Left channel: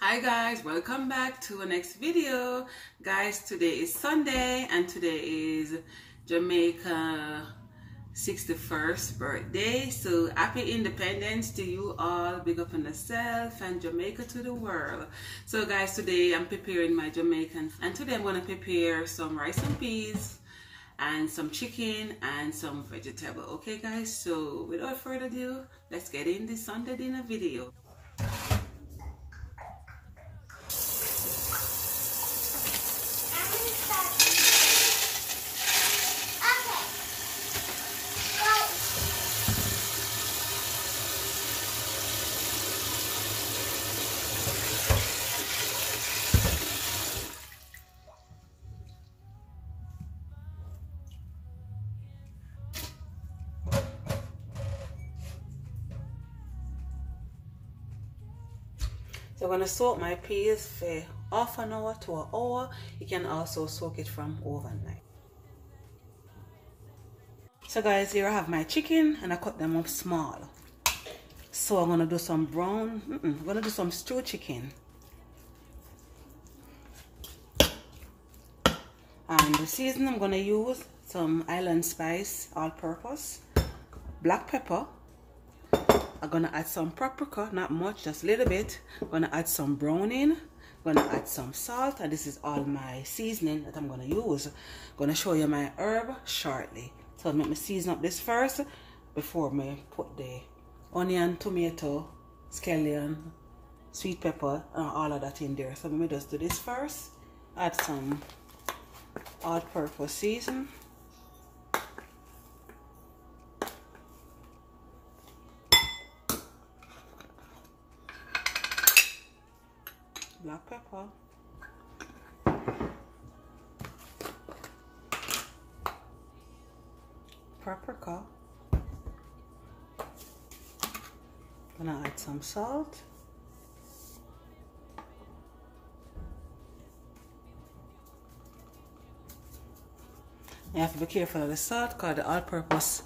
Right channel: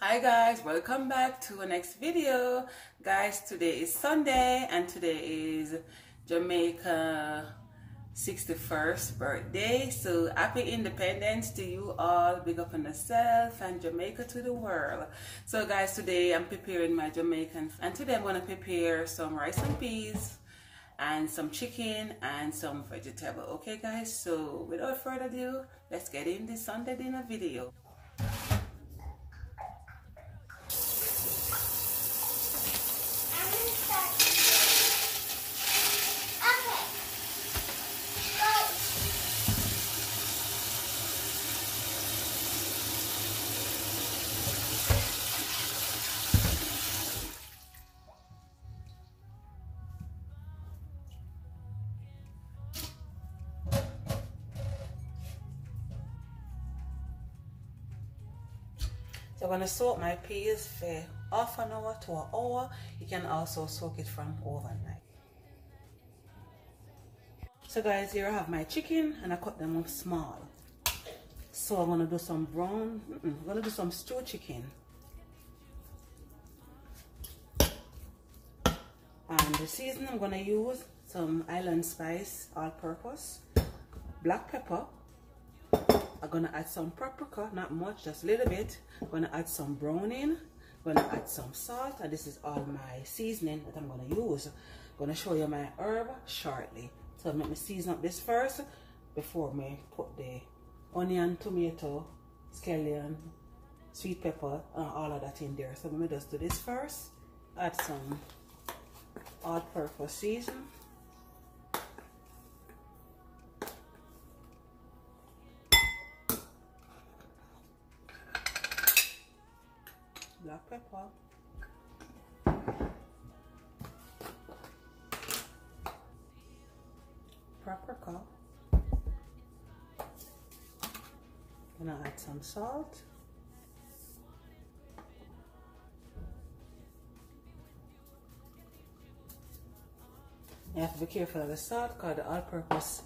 Hi guys, welcome back to our next video. Guys, today is Sunday and today is Jamaica 61st birthday. So happy independence to you all. Big up on yourself and Jamaica to the world. So guys, today I'm preparing my Jamaican, and today I'm going to prepare some rice and peas and some chicken and some vegetable. Okay guys, so without further ado, let's get in this Sunday dinner video. So I'm going to soak my peas for half an hour to an hour. You can also soak it from overnight. So guys, here I have my chicken and I cut them up small. So I'm going to do some I'm going to do some stewed chicken. And the seasoning I'm going to use some island spice, all-purpose, black pepper. I'm gonna add some paprika, not much, just a little bit. I'm gonna add some browning. I'm gonna add some salt, and this is all my seasoning that I'm gonna use. I'm gonna show you my herb shortly. So let me season up this first before me put the onion, tomato, scallion, sweet pepper, and all of that in there. So let me just do this first. Add some all-purpose season. Black pepper, paprika, gonna add some salt, you have to be careful of the salt because the all-purpose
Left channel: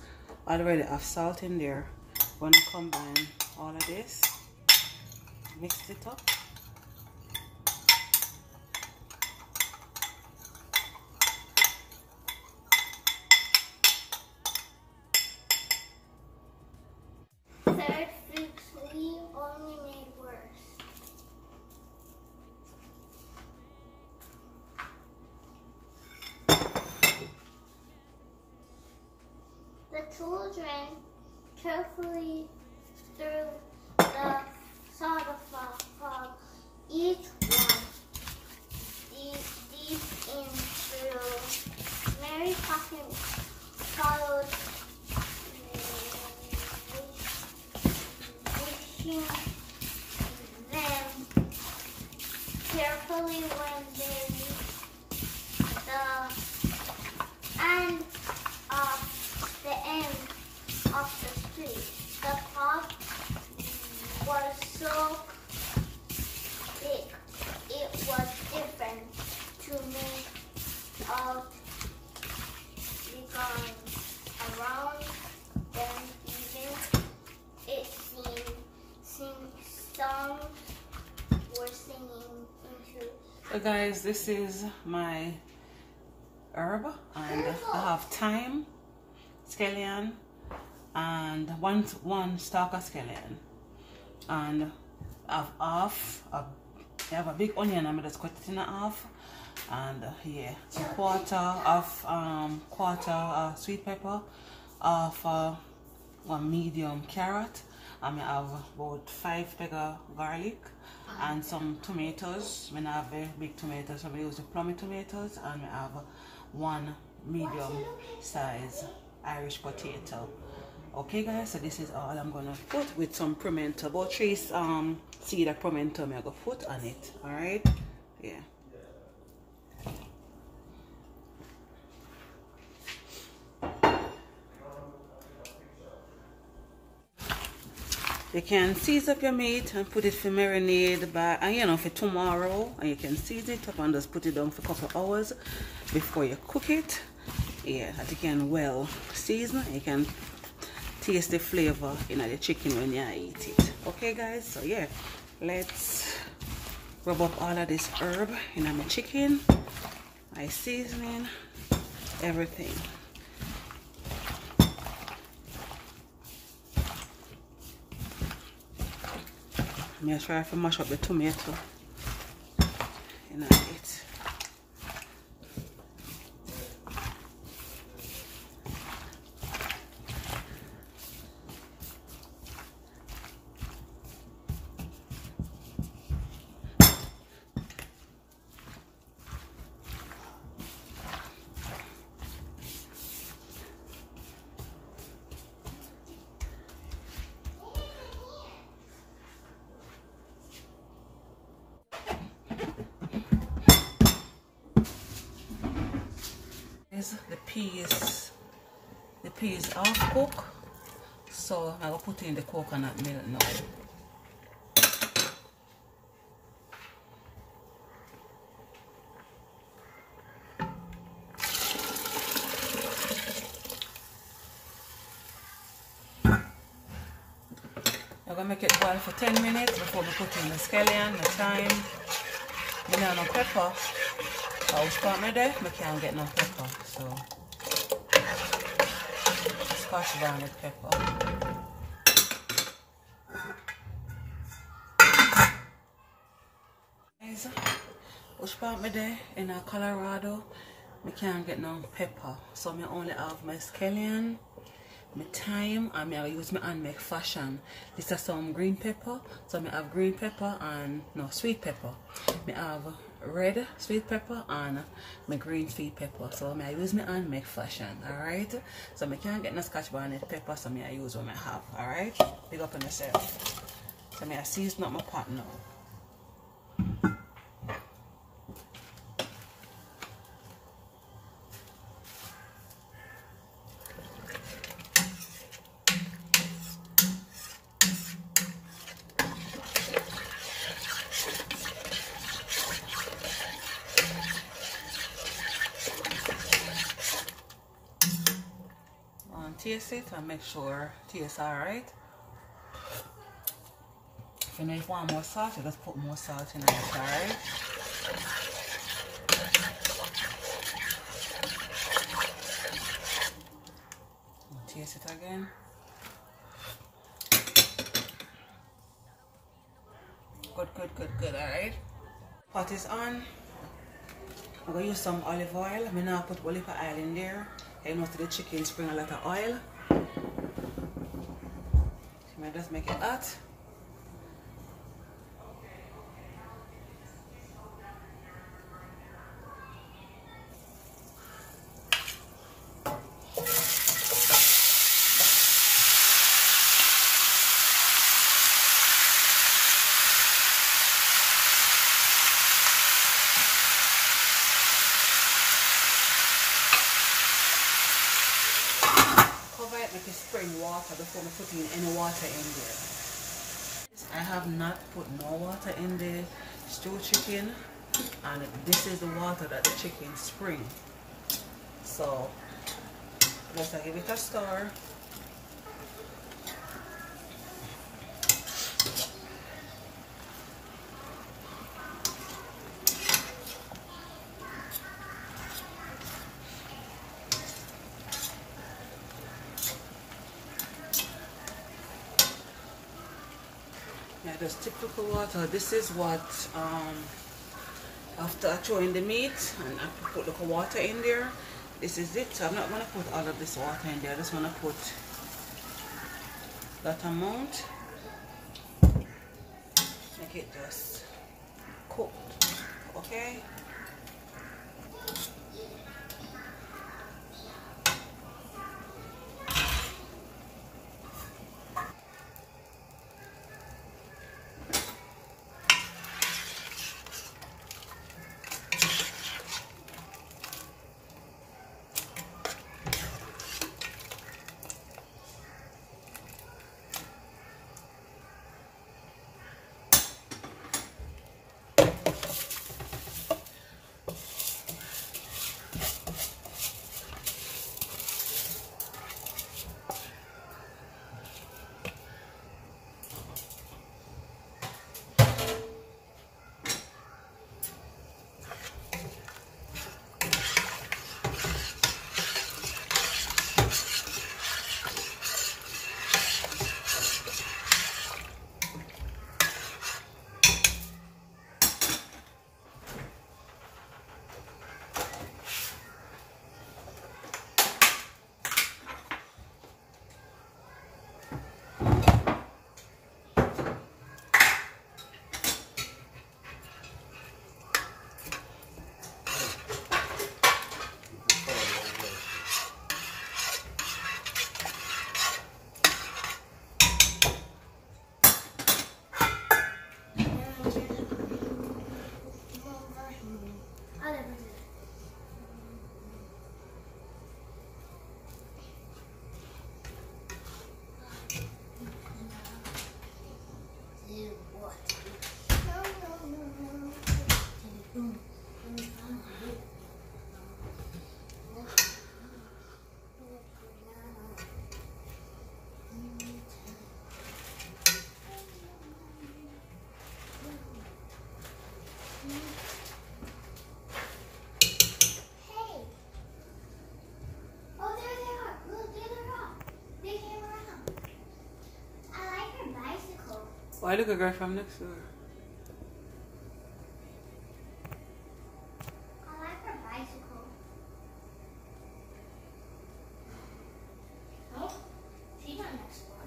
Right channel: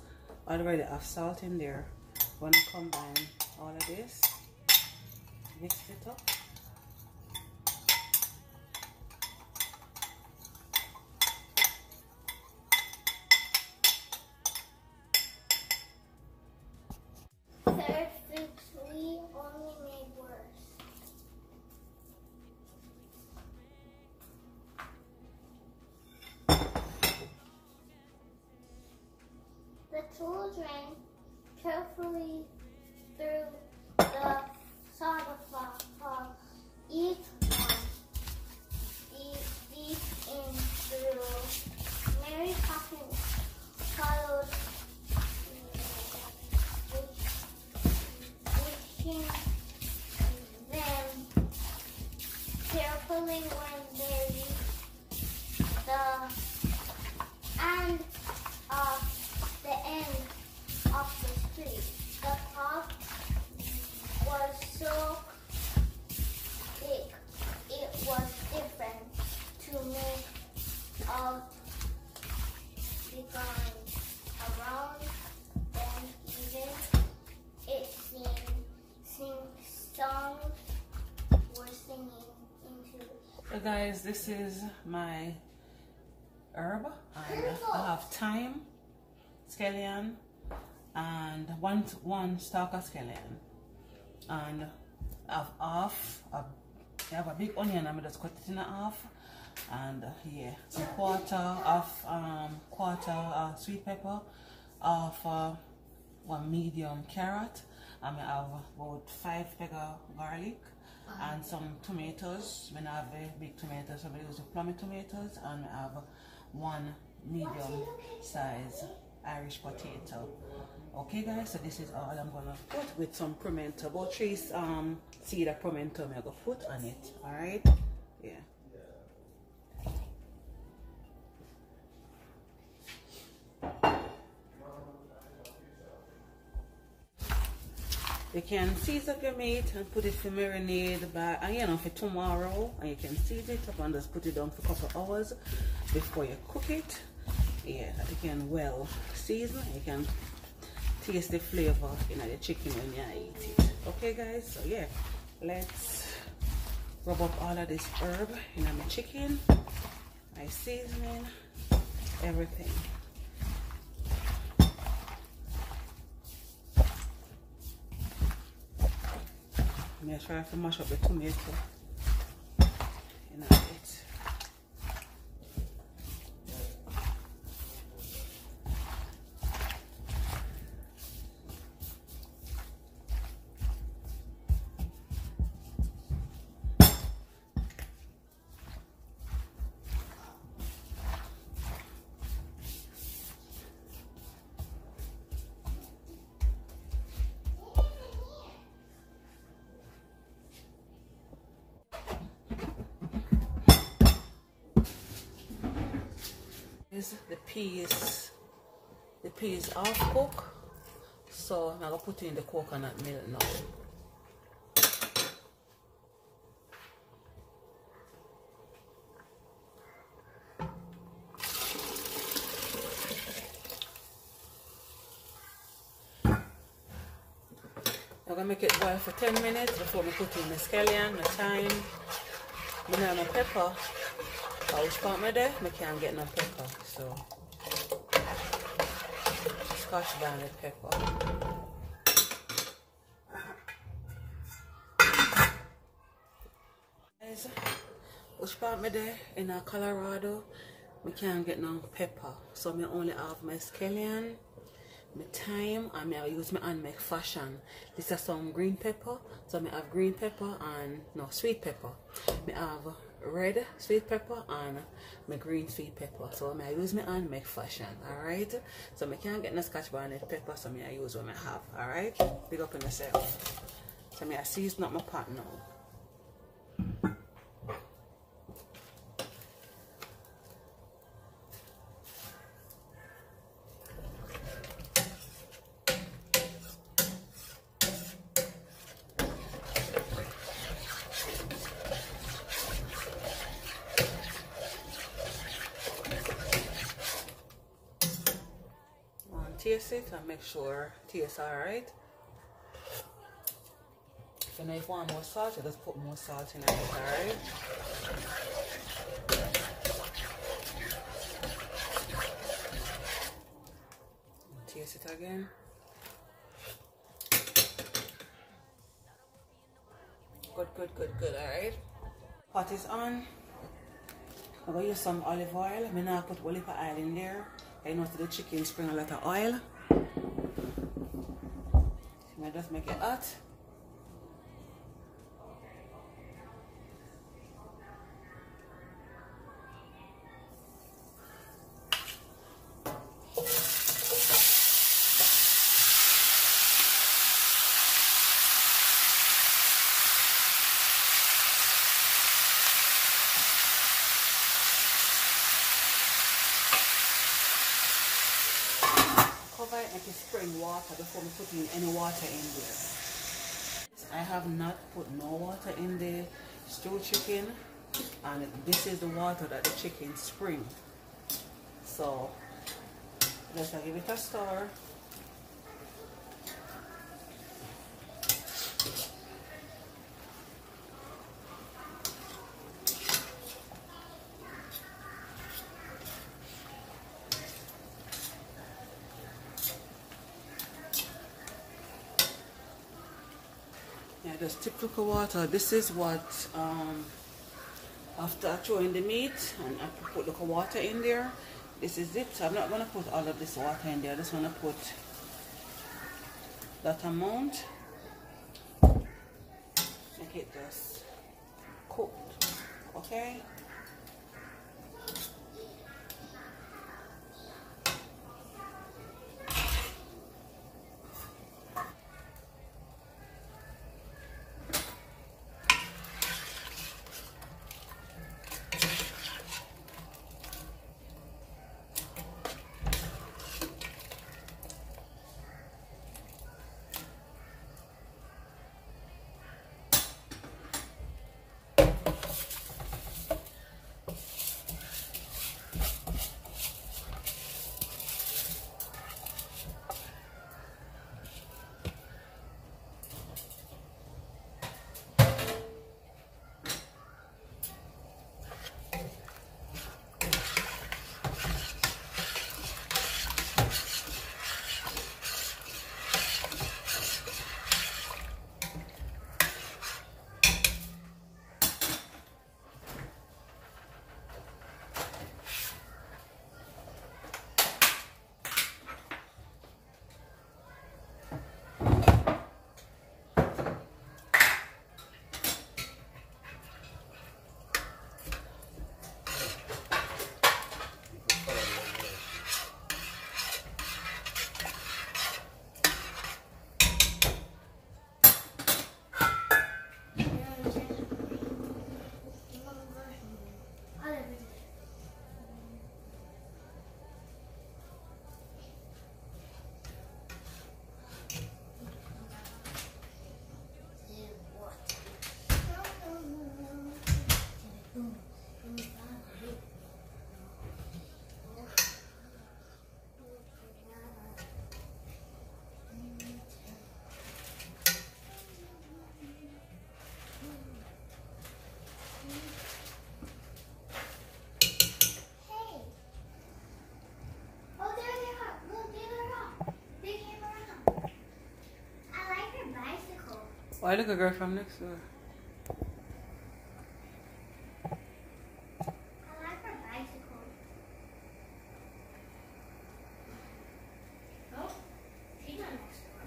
already have salt in there. When I combine all of this, mix it up. Only made worse. The children carefully threw the soda fog, each one deep into Mary Poppins followed then carefully when they reached the end of the street. The pot was so big it was different to make out going around them even it seemed songs were singing into. So guys, this is my herb, and I have thyme, scallion, and one stalk of scallion, and I have a big onion. I'm just cut it in half, and yeah, a quarter of sweet pepper, of one medium carrot. I have about 5 peg of garlic and some tomatoes. I have a big tomato, so I use the plummy tomatoes, and I have one medium size Irish potato. Okay guys, so this is all I'm gonna put with some pimento, about 3 seed of pimento I'm gonna put on it. Alright? Yeah. You can season up your meat and put it for marinade for tomorrow, and you can season it up and just put it down for a couple of hours before you cook it. Yeah, that you can well season. You can taste the flavor in the chicken when you eat it. Okay guys, so yeah, let's rub up all of this herb in my chicken, my seasoning, everything. I'm gonna try to mash up the tomato. You know it. The peas half cooked, so I'm gonna put in the coconut milk now. I'm gonna make it boil for 10 minutes before we put in the scallion, the thyme. I don't no pepper. I was part of there, I can't get no pepper, so scotch bonnet pepper. Guys, which part me there in Colorado, I can't get no pepper, so I only have my scallion, my thyme, and I use my hand make fashion. This is some green pepper, so I have green pepper and no sweet pepper. I have red sweet pepper and my green sweet pepper, so I use my hand make fashion. Alright, so I can't get no scotch bonnet pepper, so I use what I have. Alright, big up in yourself. So I season up my pot now. Taste it and make sure it tastes alright. If you know if you want more salt, you just put more salt in it, alright? Taste it again. Good, alright? Pot is on. I'm going to use some olive oil. I'm going to put olive oil in there. I know the chicken spring a lot of oil. I just make it hot. Make it spring water before I put in any water in there. I have not put no water in the stewed chicken, and this is the water that the chicken spring. So just give it a stir. Yeah, just typical water. This is what after I throw in the meat and I put the water in there, this is it. So I'm not going to put all of this water in there. I just want to put that amount. Make it just cook. Okay. Why look a girl from next door? I like her bicycle. Oh, she got next door.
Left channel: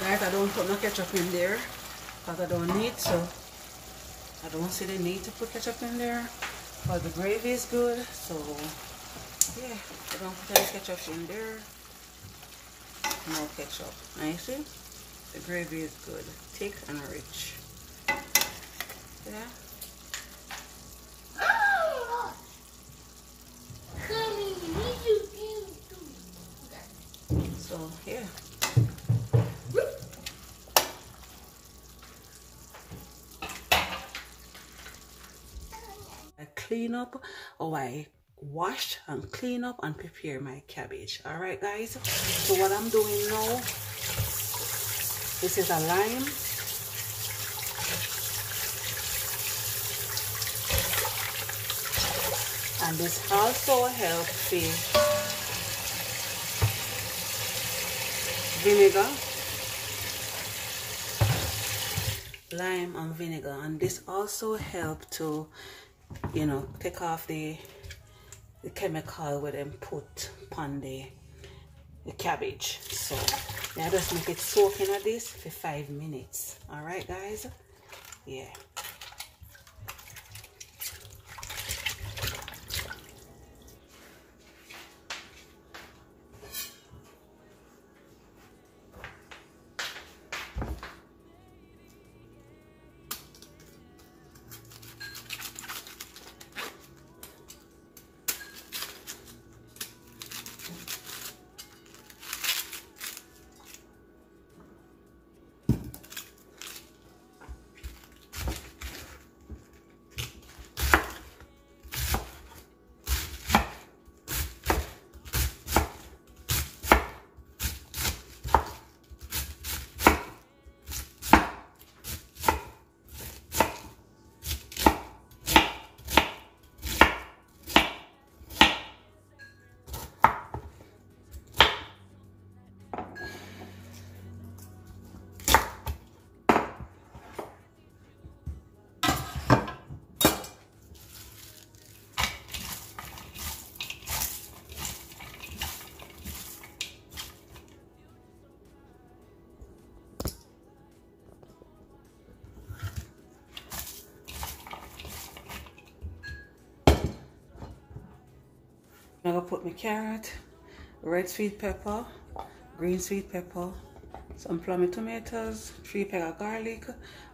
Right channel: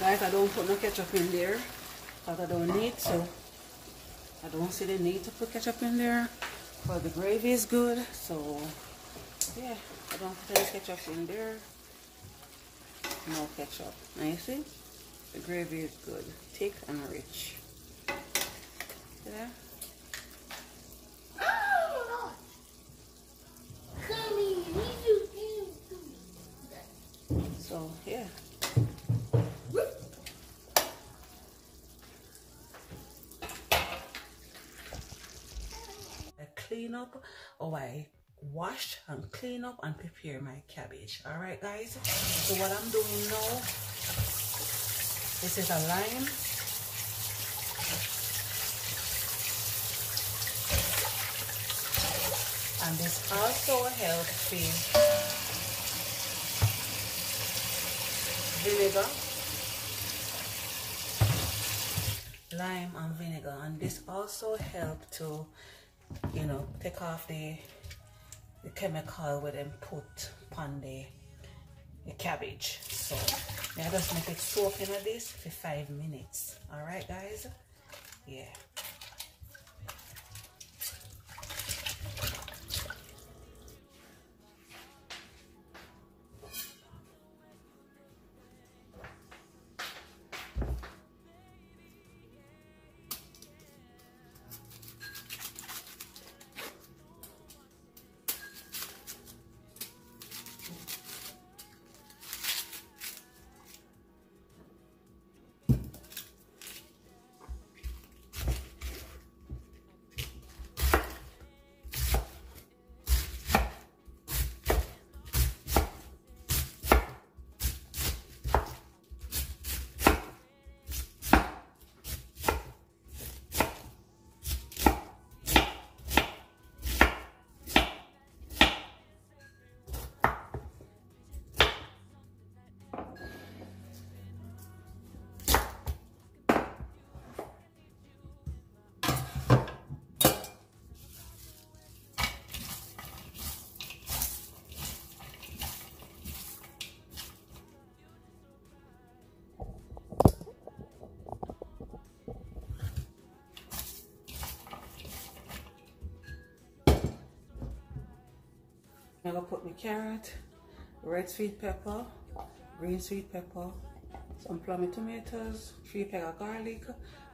Guys, I don't put no ketchup in there because I don't need to. I don't see the need to put ketchup in there, but the gravy is good, so yeah, I don't put any ketchup in there. No ketchup. Now you see, the gravy is good, thick and rich. Yeah. So yeah. I clean up, or I wash and clean up and prepare my cabbage. All right, guys. So what I'm doing now, this is a lime. And this also helps the vinegar, lime and vinegar, and this also helps to, you know, take off the chemical where them put on the cabbage. So I just make it soak in this for 5 minutes. All right, guys. Yeah. I'm gonna put my carrot, red sweet pepper, green sweet pepper, some plummy tomatoes, 3 peg of garlic,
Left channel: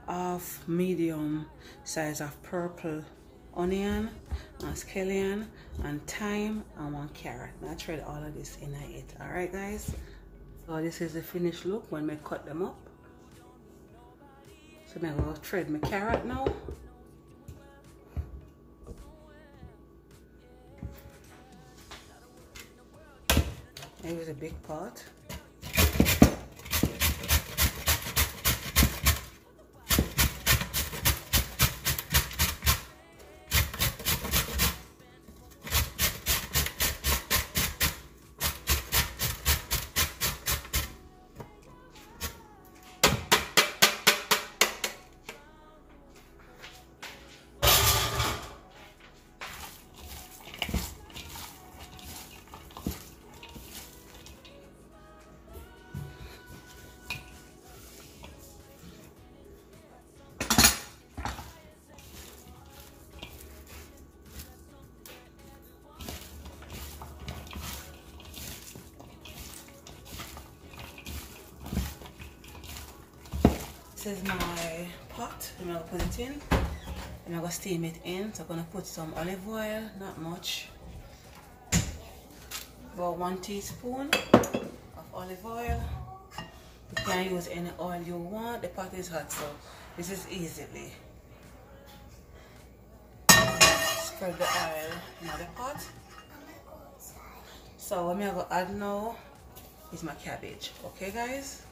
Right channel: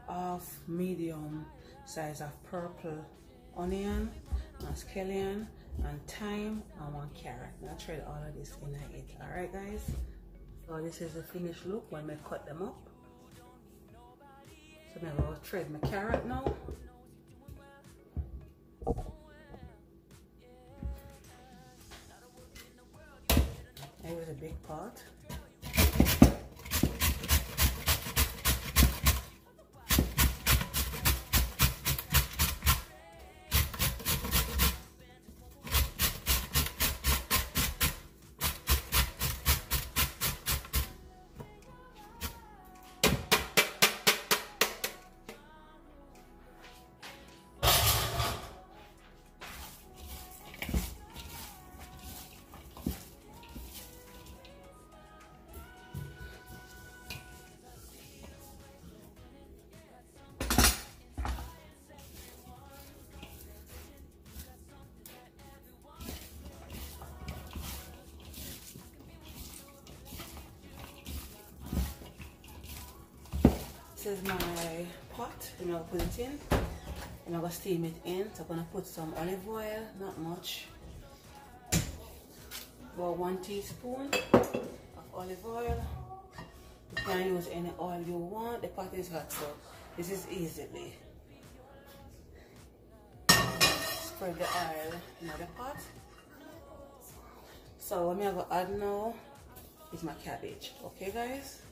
half medium size of purple onion, and scallion, and thyme, and 1 carrot. Now I shred all of this in it. Alright, guys. So this is the finished look when I cut them up. So I'm gonna shred my carrot now. I use a big pot. This is my pot. I'm gonna put it in. I'm gonna steam it in. So I'm gonna put some olive oil, not much. About 1 teaspoon of olive oil. You can use any oil you want. The pot is hot, so this is easily. Spread the oil in the pot. So what I'm gonna add now is my cabbage. Okay, guys?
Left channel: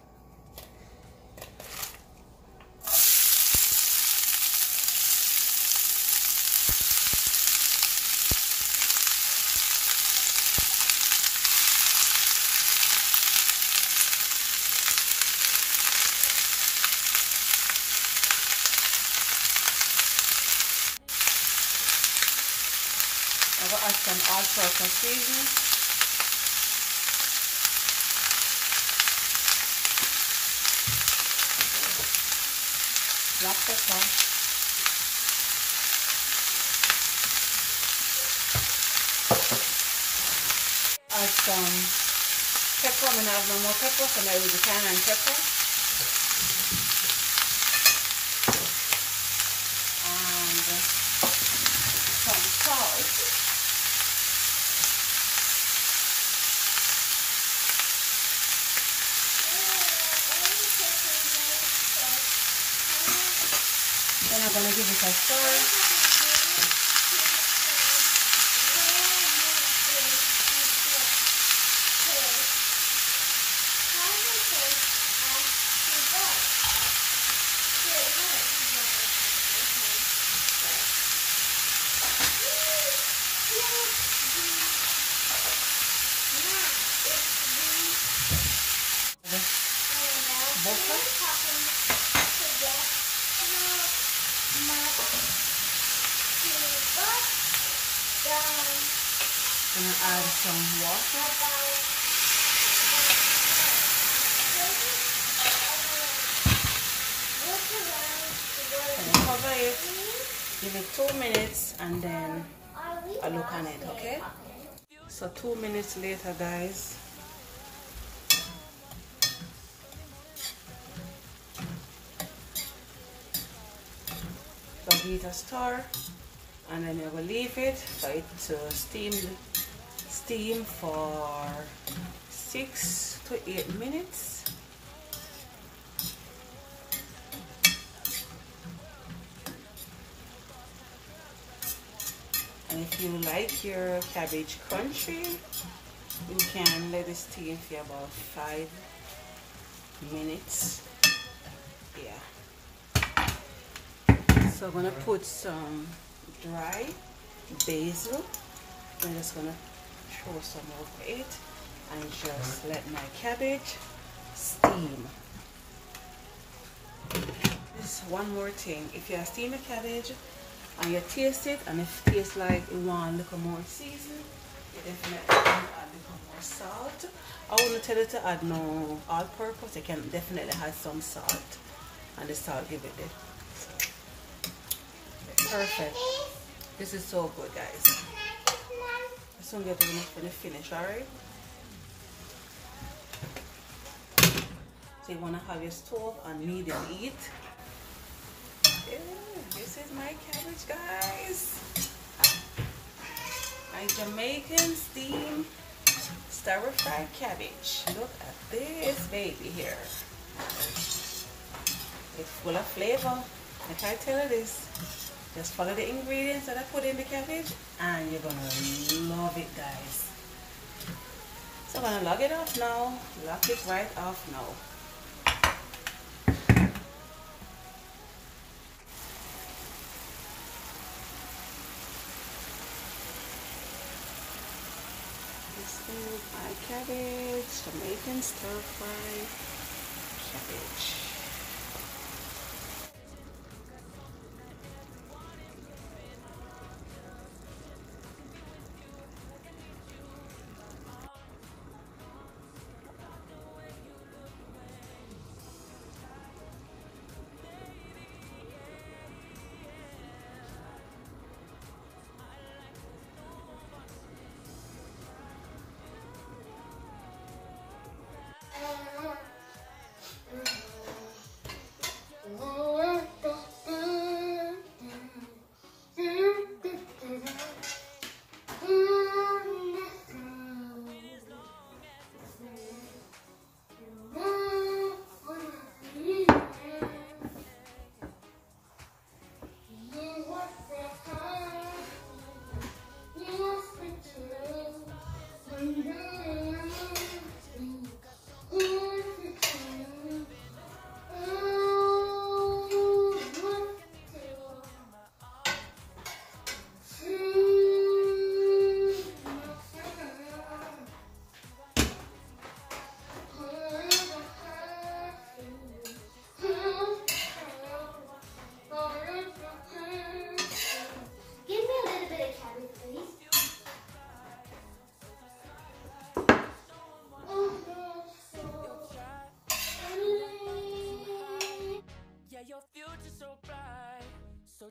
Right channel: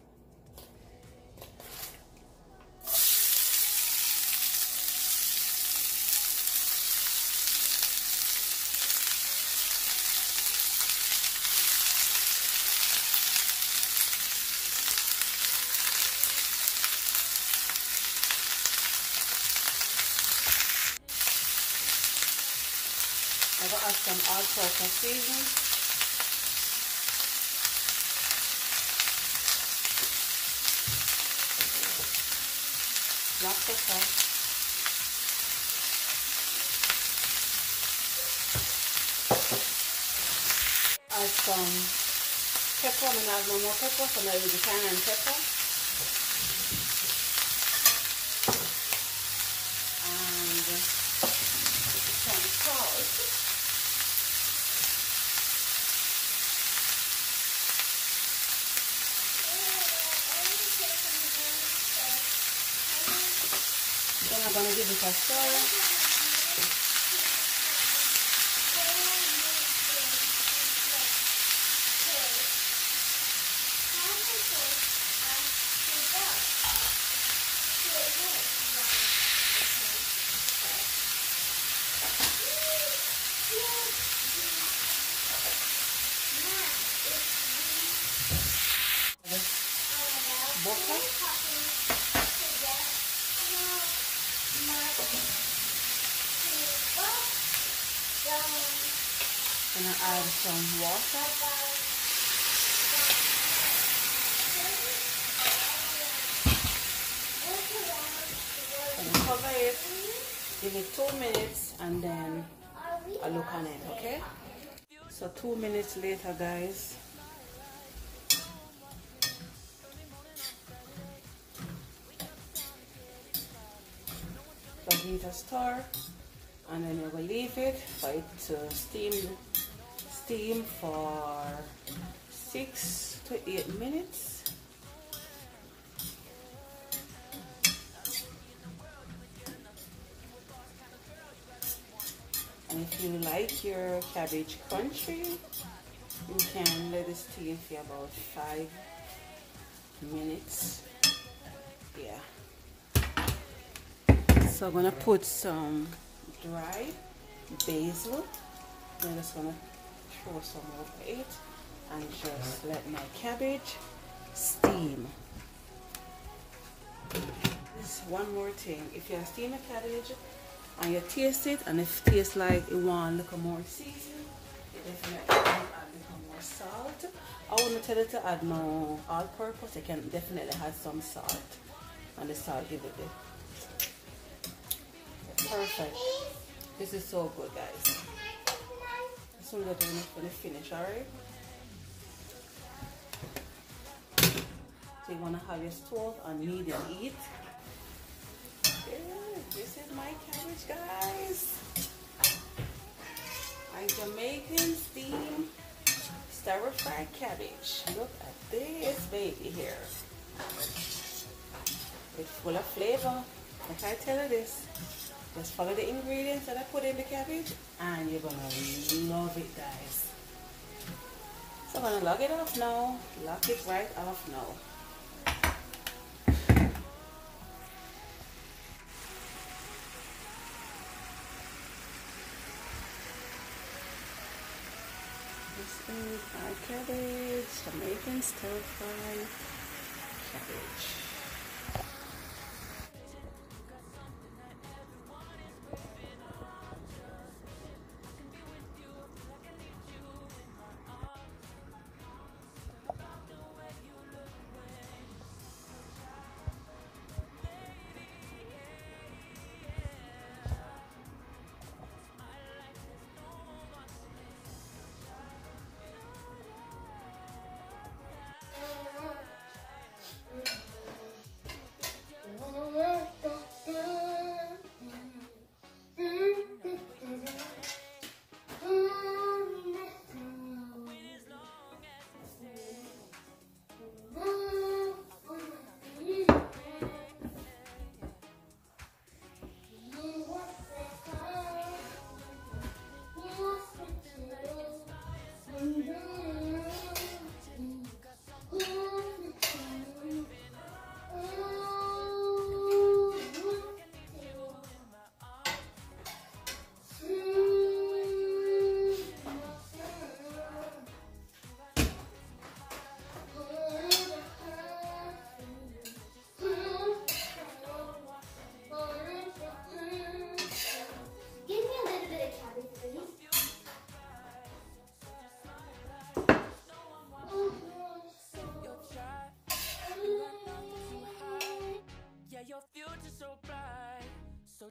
add some all-purpose seasoning. Black pepper. Add some pepper. I'm gonna have no more pepper, so now with the cayenne pepper. And some salt. Then I'm gonna give it a stir. Gonna add some water. Gonna cover it, give it 2 minutes, and then I look on it, okay? So 2 minutes later, guys. So give it a stir, and then you will leave it for it to steam for 6 to 8 minutes. And if you like your cabbage crunchy, you can let it steam for about 5 minutes. Yeah. So I'm gonna put some dry basil. I'm just gonna throw some over it and just let my cabbage steam. This one more thing, if you steam a cabbage and you taste it, and if it tastes like it want a little more season, you definitely can add a little more salt. I wouldn't tell you to add no all-purpose. You can definitely add some salt, and the salt give it the perfect. This is so good, guys. Soon get to finish, alright? So you wanna have your stove on medium heat. This is my cabbage, guys. My Jamaican steam stir-fried cabbage. Look at this baby here. It's full of flavor. Like I tell you this. Just follow the ingredients that I put in the cabbage and you're gonna love it, guys. So I'm gonna log it off now. Lock it right off now. This is my cabbage, Jamaican stir-fry cabbage.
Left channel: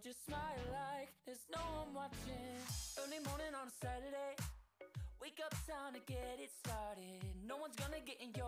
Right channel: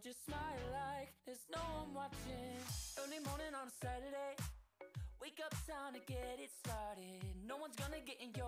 just smile like there's no one watching. Early morning on a Saturday, wake up, time to get it started. No one's gonna get in your